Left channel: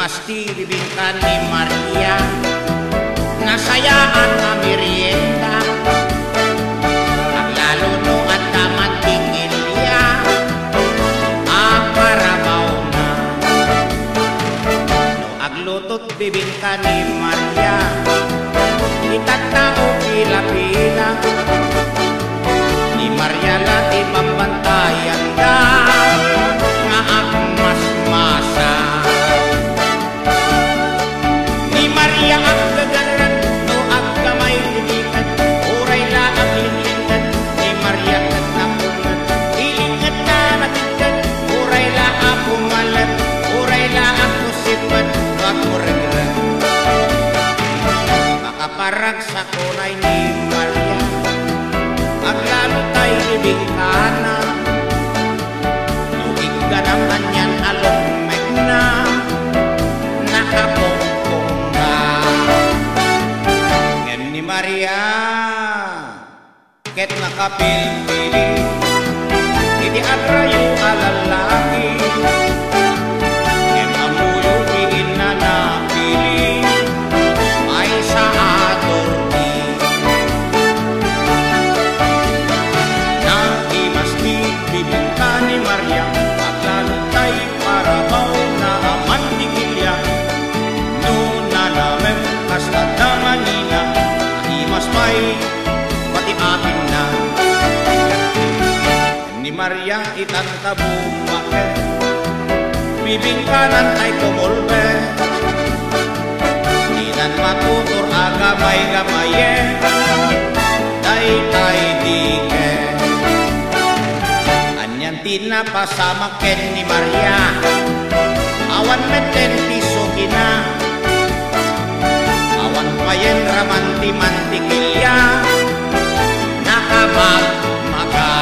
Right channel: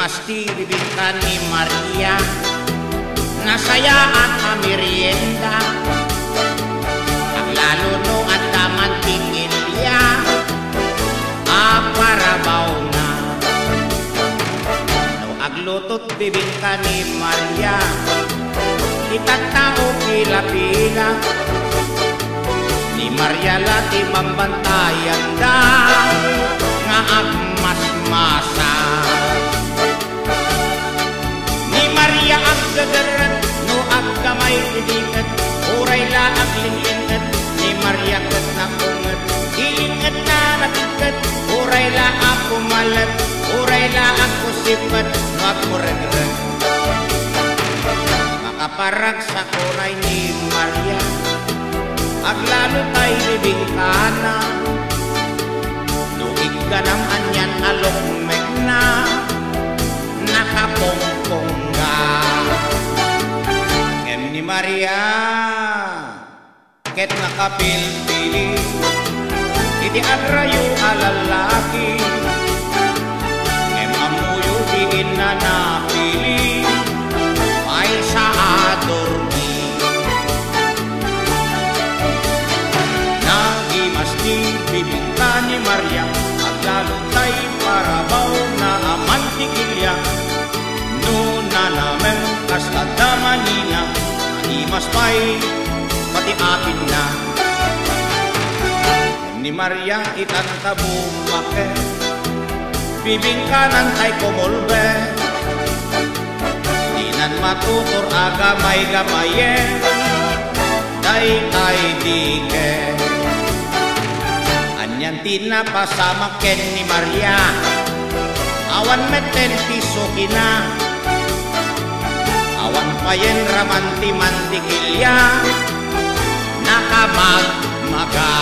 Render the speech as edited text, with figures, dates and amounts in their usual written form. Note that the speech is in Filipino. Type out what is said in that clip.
Mastilibing ka ni Maria, nasaya at amirienda, aglalo no at damantingilya, aparabaw na. No aglutot bibing ka ni Maria, itatao pila-pila, ni Maria lati pambantayan da, nga agmasmasa. Ni Maria agdadaran, no agkamay lilingat, uray la aglinglingat, ni Maria kat na ungat, ilingat na natigkat, uray la apumalat, uray la ako sipat, no agmuragran. Makaparag sa kunay ni Maria, aglalo tay libing ka na, luig ka ng anyan alok megna, nakapongpong ka. Ngem ni Maria, ket nakapilpili, iti adrayo alalaki, ngem amuyo di inanapili, may sa atorni. Nagimasti bibing ka ni Maria, aglalo tay parabaw na amantikilya, no nalamem kasta damanina, animas pa'y pati apin na. Ni Maria itanta bumake, bibing kanan tay kumulbe, dinan matutur agamay-gamaye, day-tay dike. Anyan tinapasama ken ni Maria, awan meten piso kina, awan payen ramanti-mantikilya, nakamagmaga.